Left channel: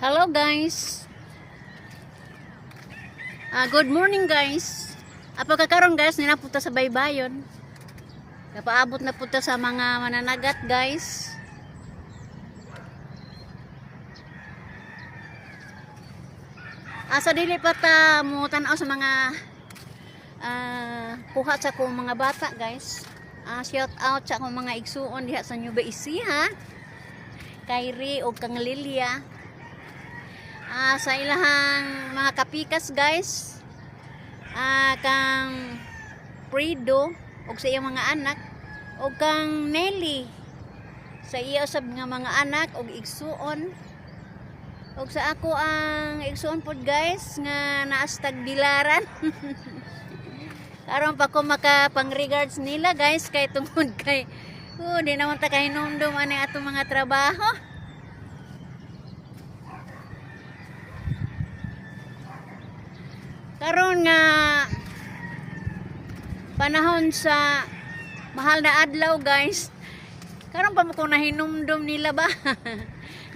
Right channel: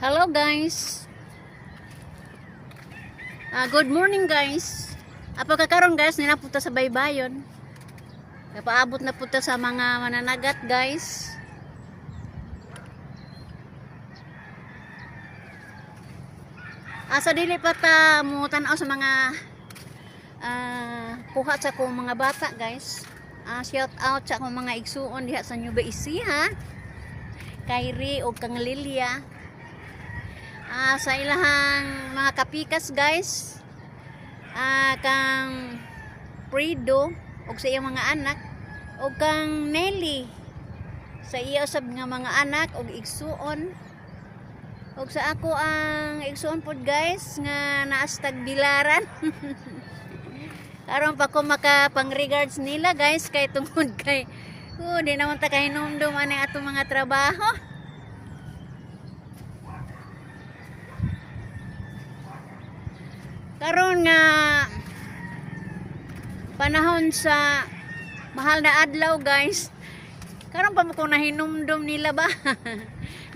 Hello guys. Good morning guys. Apagkakaroon guys, ninapunta sa baybayon. Napaabot na punta sa mga mananagat guys. Sa dili pa ta mo tan-aw sa mga kuha sa kong mga bata guys. Shout out sa akong mga igsuon diha sa Nueva Ecija, Kairi o kang Lilia. Sa ilahang mga kapikas guys, kang Prido o sa iyang mga anak, o kang Nelly sa iya usab nga mga anak o igsuon, o sa ako ang igsuon pod guys nga naastag bilaran. Karon pa ko makapang regards nila guys kay tungod kay di naman ta kahinumdum ani atong mga trabaho. Karon nga panahon sa mahal na adlaw guys, karon pa mo ko nahinumdum nila ba.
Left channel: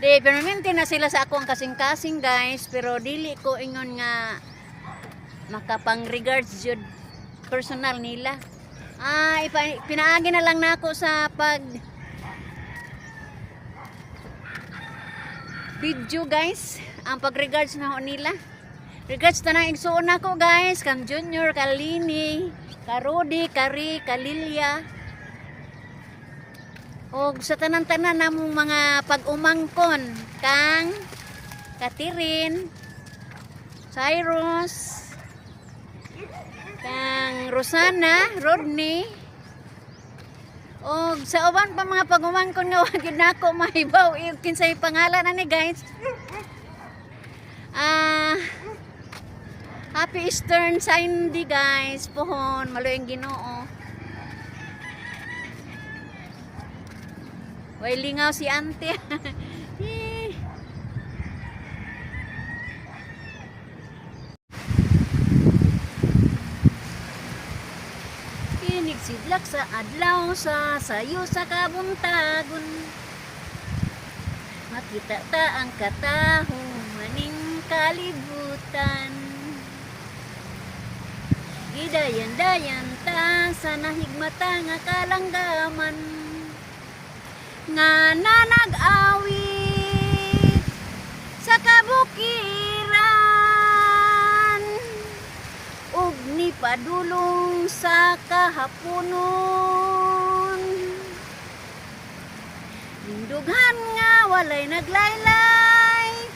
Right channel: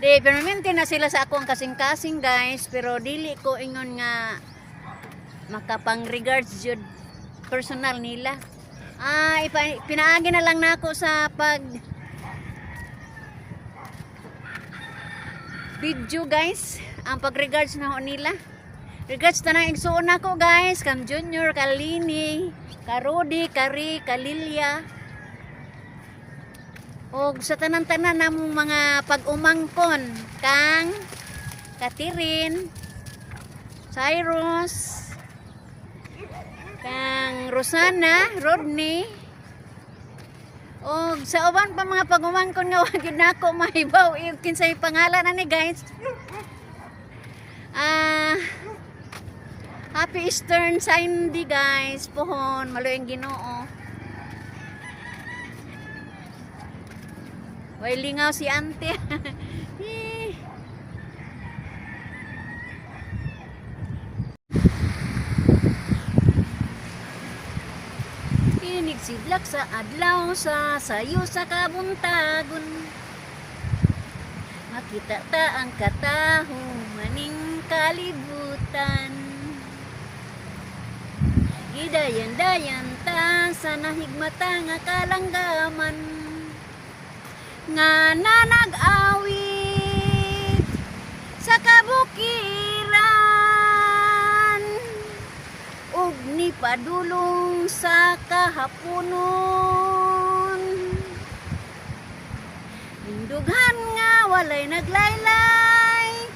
Di permanente na sila sa ako ang kasing-kasing guys, pero dili ko ingon nga makapang regards jud personal nila. Pinaagi na lang nako sa pag video guys ang pag regards na nila. Regards tanang igsuon nako guys, kang Junior, Kalini, Karodi, Kari, Kalilia. Og sa tanan-tanan namong mga pag-umangkon, kang Katirin, Cyrus, kang Rosana, Rodney. Og sa uban pa mga pag-umangkon nga wag yun nako mahibaw kinsay pangalan ani guys. Happy Eastern Sunday guys, pohon maluing Ginoo. Way lingaw si ante. Kinig sidlak sa adlaw sa sayo sa kabuntagon. Makita ta ang kataho maning kalibutan. Gidayan-dayan ta sa nahigmata nga kalanggaman nga nanag-awit sa kabukiran ug ni padulong sa kahaponon. Lindughan nga walay naglaylay,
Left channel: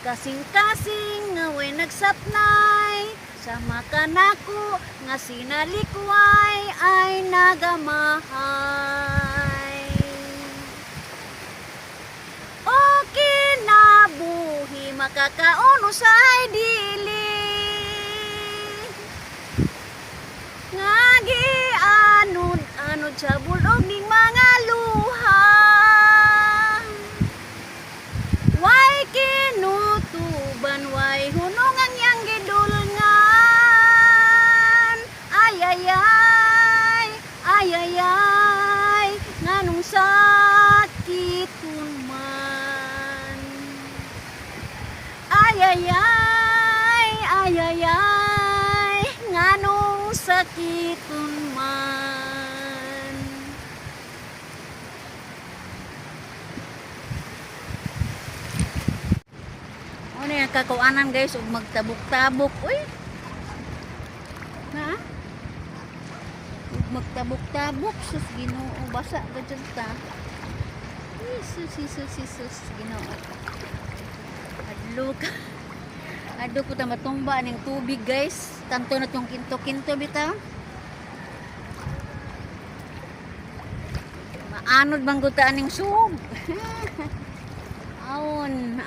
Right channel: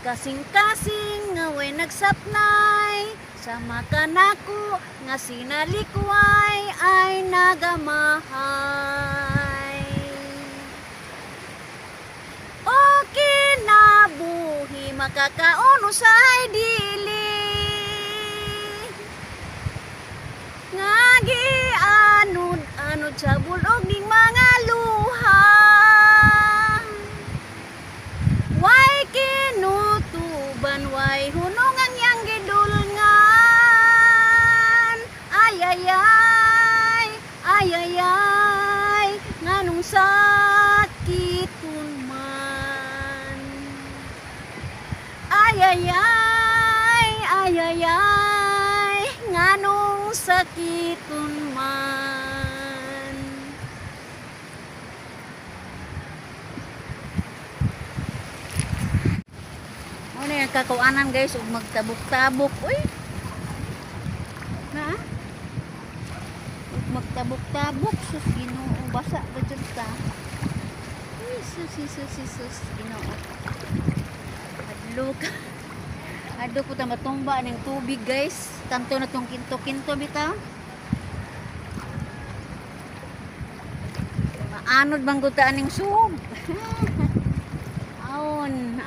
kasing-kasing nga way nagsapnay. Sama ka nako nga sinalikway ay nagamahay. O kinabuhi makakauno sa dili nga gianod-anod sa bulog ning mga luha. Way kinutuban, way hunong ang yang gidulngan. Ay, nganong sakitun man. Ay, nganong sakitun man. Ano yung kakuanan guys, ug magtabok-tabok. Uy! Na? Magtabok-tabok, sus Ginoo, basa gajud ta. Sus Ginoo. Adlo ko ta matumba ning tubig guys. Tanto na tong kinto-kinto bitaw. Maanod bang gud ta aning sug. Aon.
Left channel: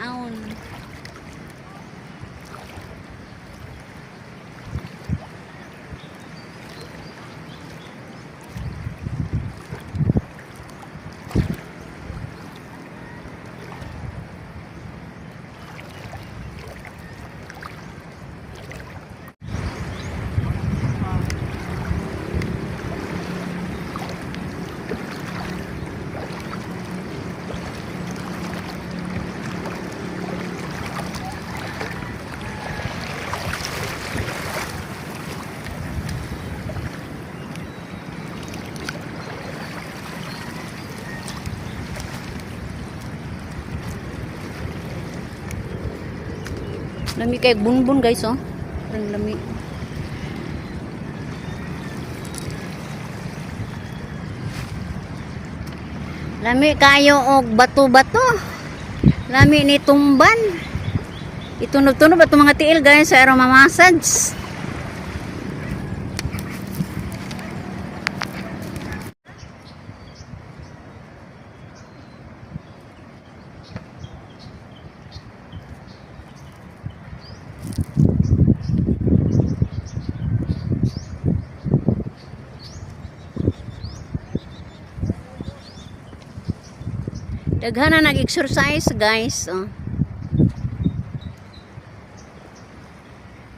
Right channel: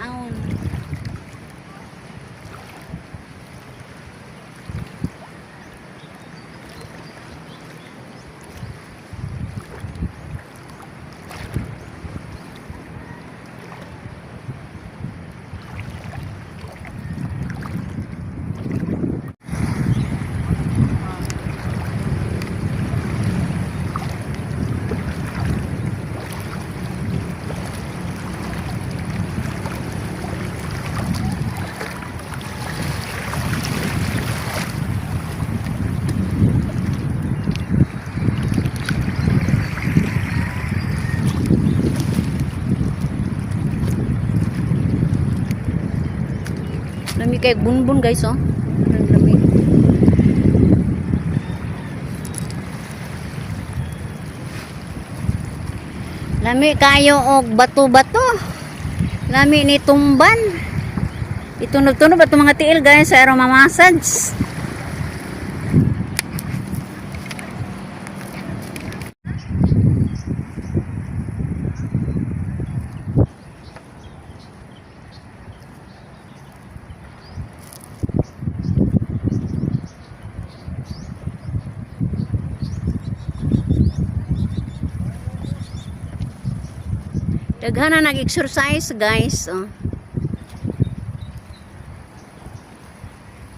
Lami kay bunbun guys oh. Parang lami. Lami kayo og bato-bato. Lami ni tumban. Itunog-tunog ba itong mga tiil guys sa aroma massage. Daghan na nag-exercise guys oh.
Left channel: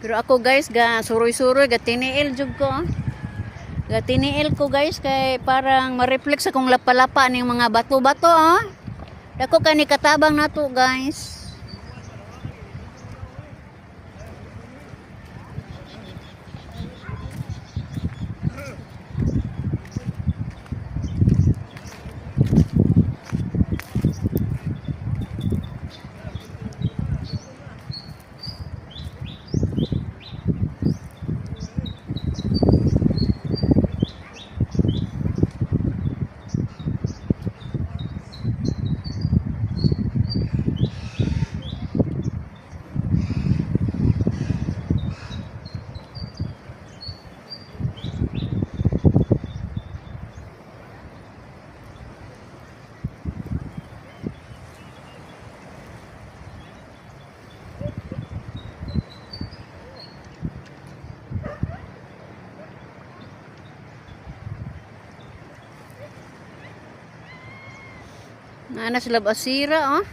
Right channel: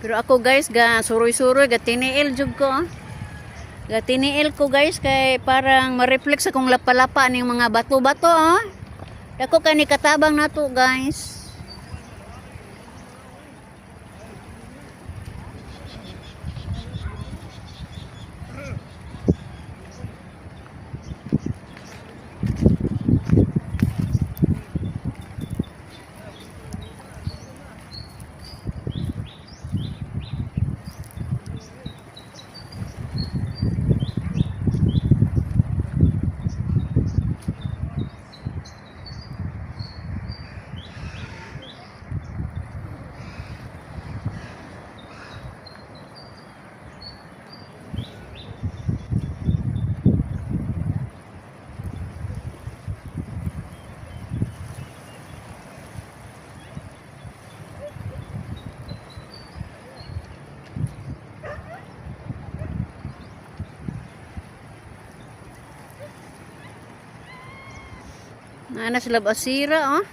Pero ako guys ga suroy-suroy ga tiniil jud ko oh. Ga tiniil ko guys kay parang ma-reflect sa kong lapalapa ning mga bato-bato oh. Dako kay ni katabang nato guys. Nana sila basira oh.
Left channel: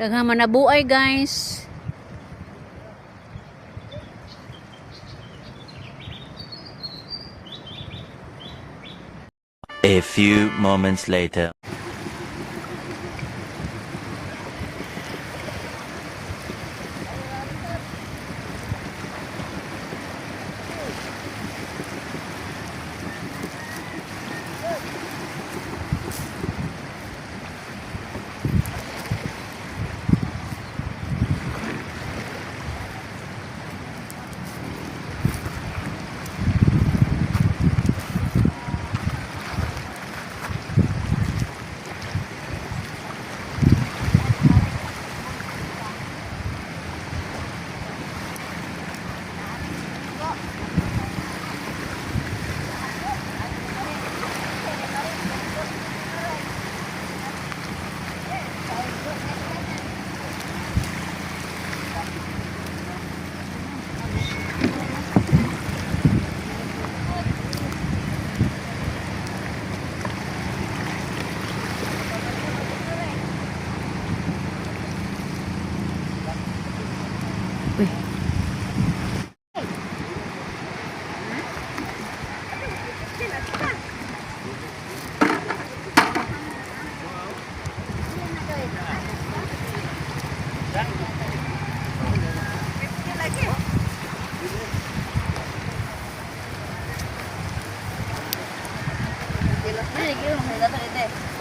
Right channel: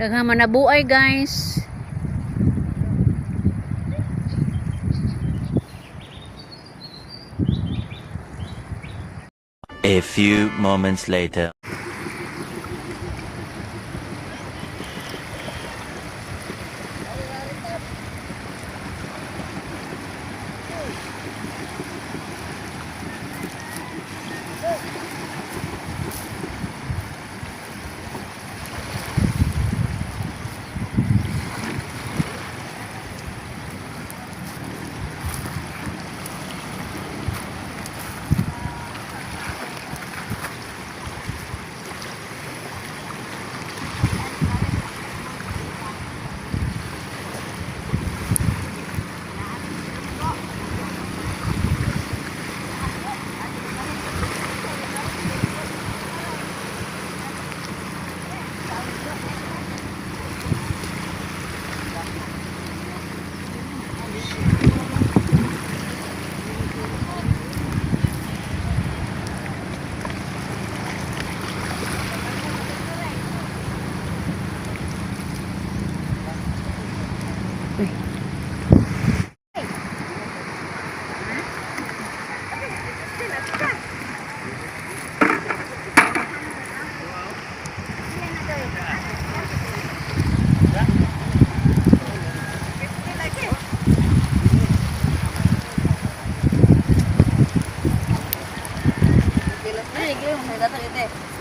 Daghang manabuay guys. A few moments later.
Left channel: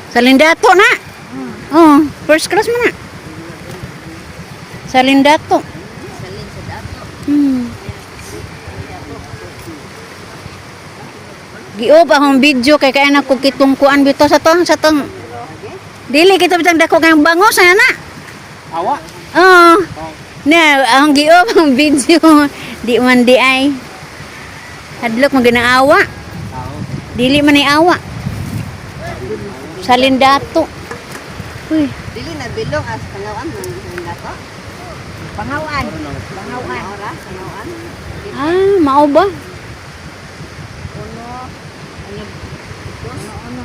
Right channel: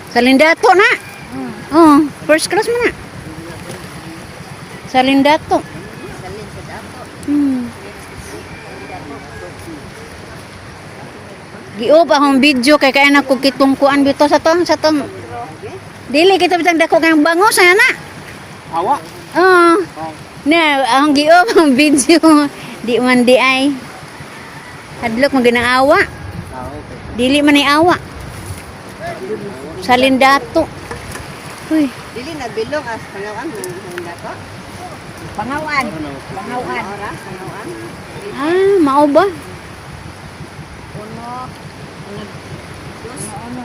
Salindato na. Oh, first class mo na. Salindato. Giop akong video kay kaya na ko kitong kuan bito sa tong dili kita bitang dako kay bangos na. Awa. Oh. Na akong giop ang video di man di ay. Hadlok mo ginaawa. Dili man ay awa. Salindato. Uy, Dili na bilog as pangawan ng dato. Pangawan. Pangawan. Pangawan. ah, mao ba? Uno. Ano?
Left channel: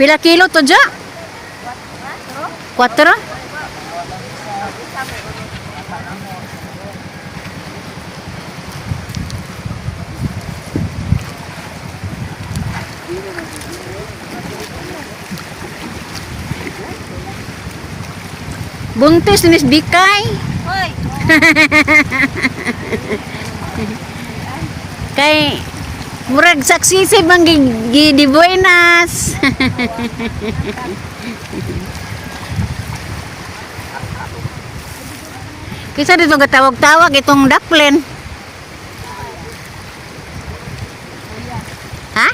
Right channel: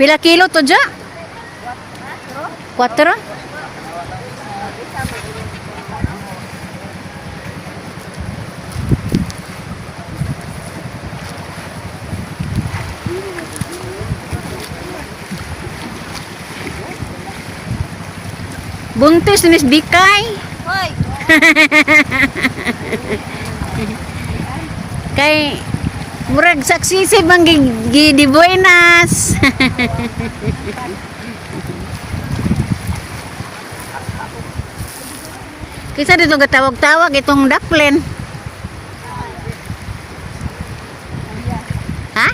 Pila kilo to ja? 4? Buntis ni Miss Bikay. Hoy! Kay murag saksisi bang di buenas. Kisa dito gatawag-tawag itong daklen. Ha?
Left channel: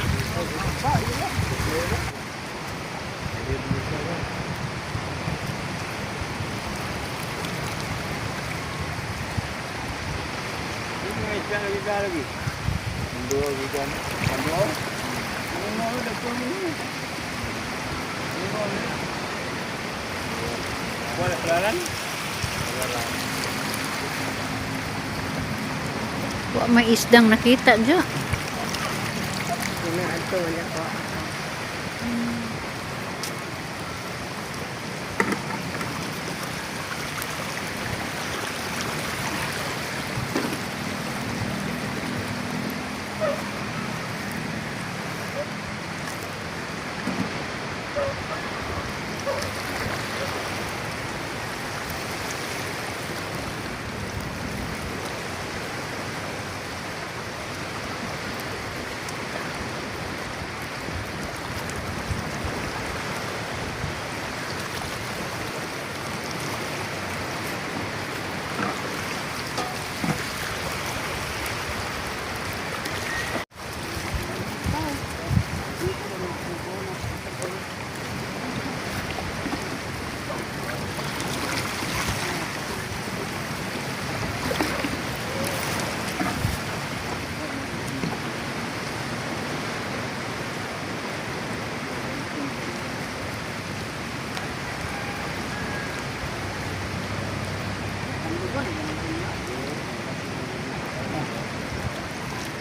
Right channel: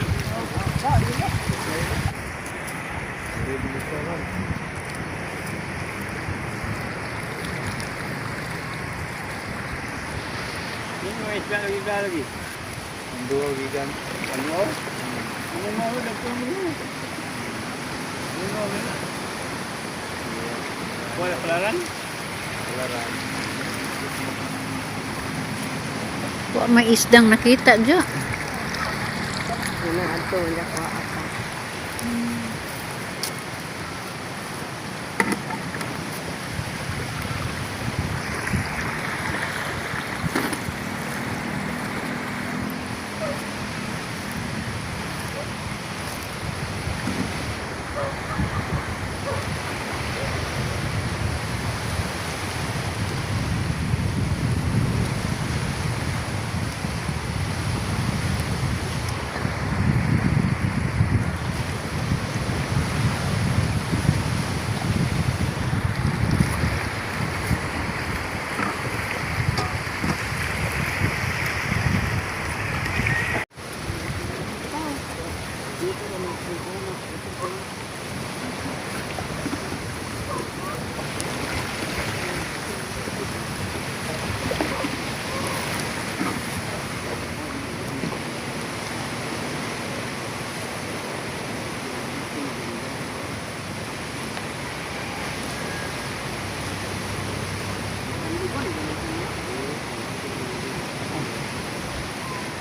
Wa may isdang nakita dyan. Wala ato, wala ka.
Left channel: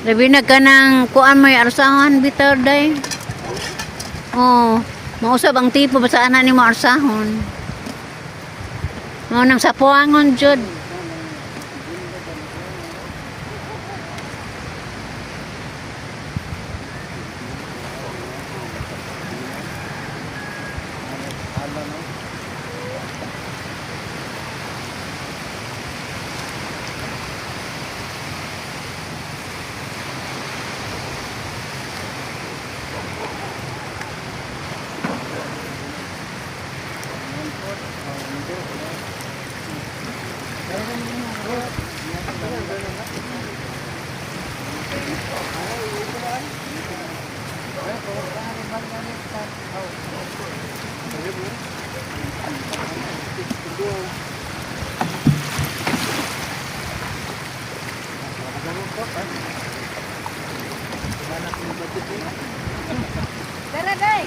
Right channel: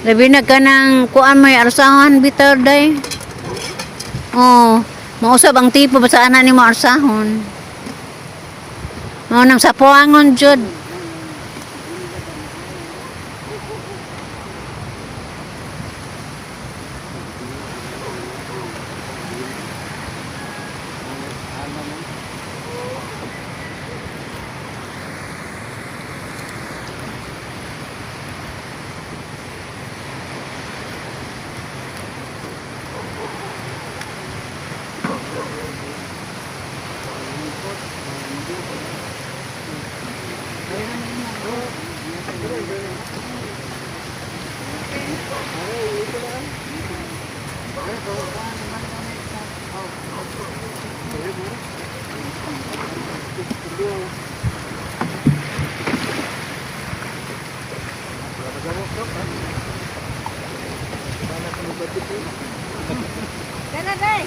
Labi na ka ng kuan may arsahan bitaw day. Oh, mausab ang tipo ba sa anak ni mo arsahon. Nang sapuangon jud. Tara, day!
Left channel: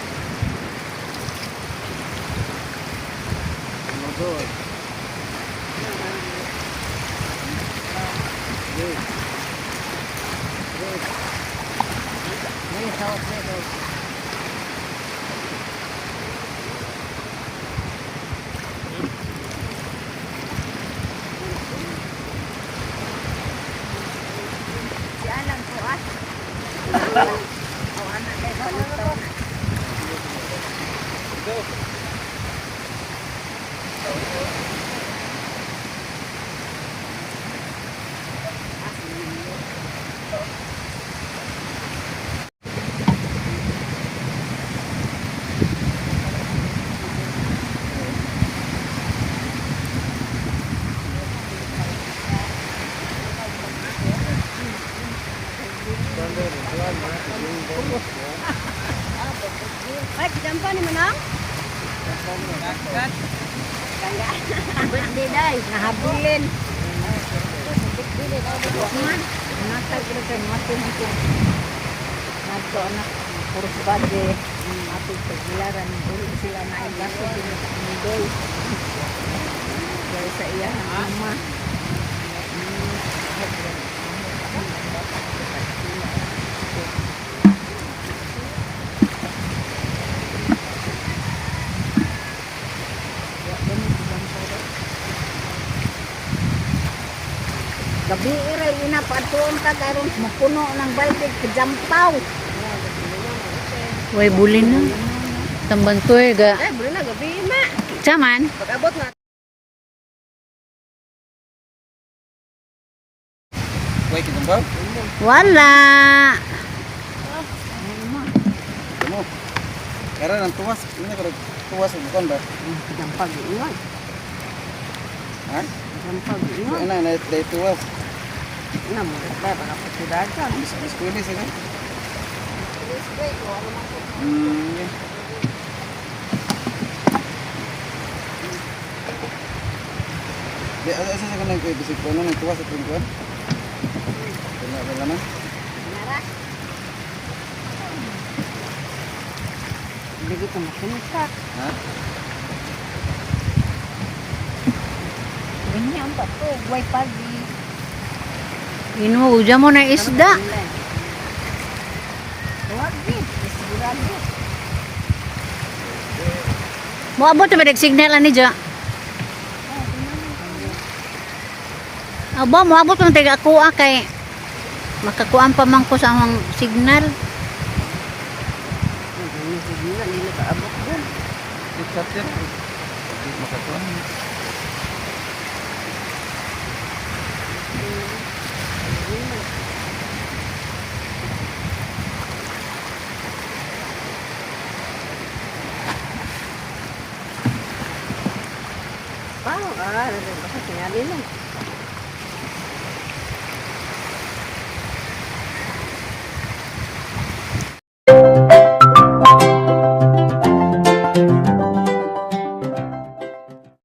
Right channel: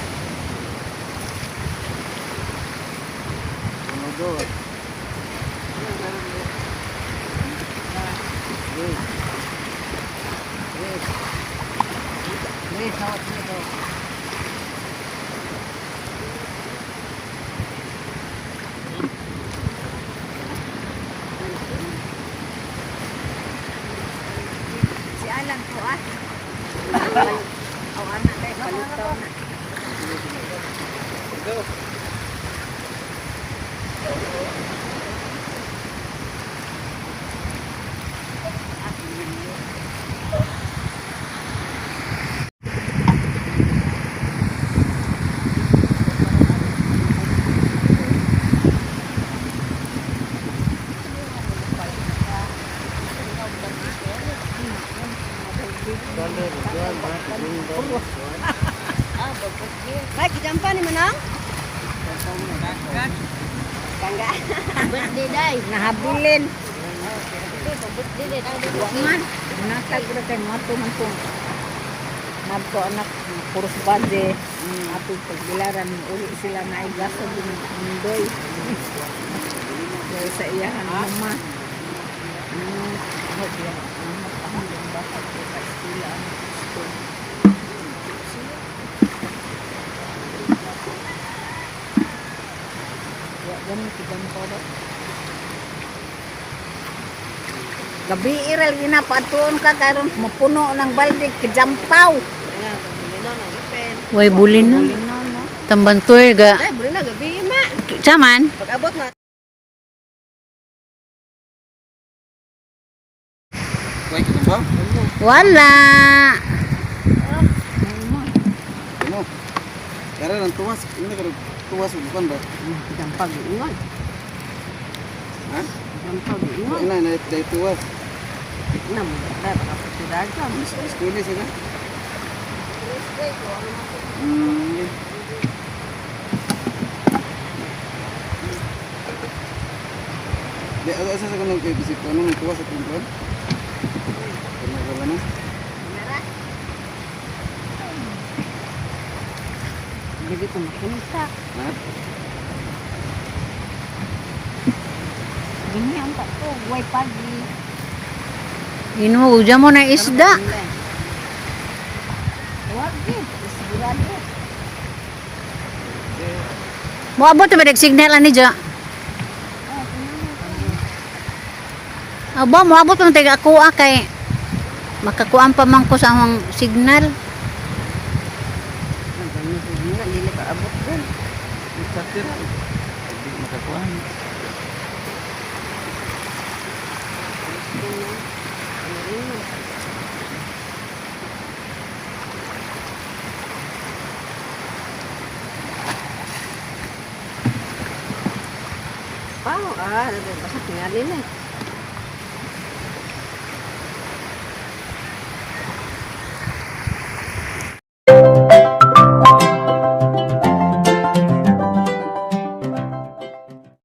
Si Alan po, ah. Ang anak day, palitan na. Mike, jampa ni Manang? Di day, nahabulin. Man, natag ko kay mati-mati. Nagko anak kurus bade. Ato pagbilaran uli sila na igaso din ang mundoy. Dahil sa iya mama. Gabi iral ginapatuon ka karon mapuno ng balde kajampaw. Way buli na. Tambantoy ga. Ay, bro na gabi na. Saman? Pag-abot na. May kitang ba? Wala. Ano? Kara nang tuwas. Ini kada tuwas bukan ba? Kajampaw iwan. Ha? Kajampaw iwan. Ina na dai tuwas. Na mo dai baka pagkudagan. Pwede sini. Spray ko ano man ko. Di ada asa sa kanang bisik ko nang tuwas sa tuwan. Kena naman. Nara. Dili ko makinita. Ha? Ganyan pa to, way pagi. Inuuja mo na isda. Huwag din, sigurado. Moabot ba signal ani ja? Aba, moabot ng taga kuha kay makakuan pa man ko sa among signal. Hindi pa abot din. Ikapit. Makakuha. Wow, kasi tinali na.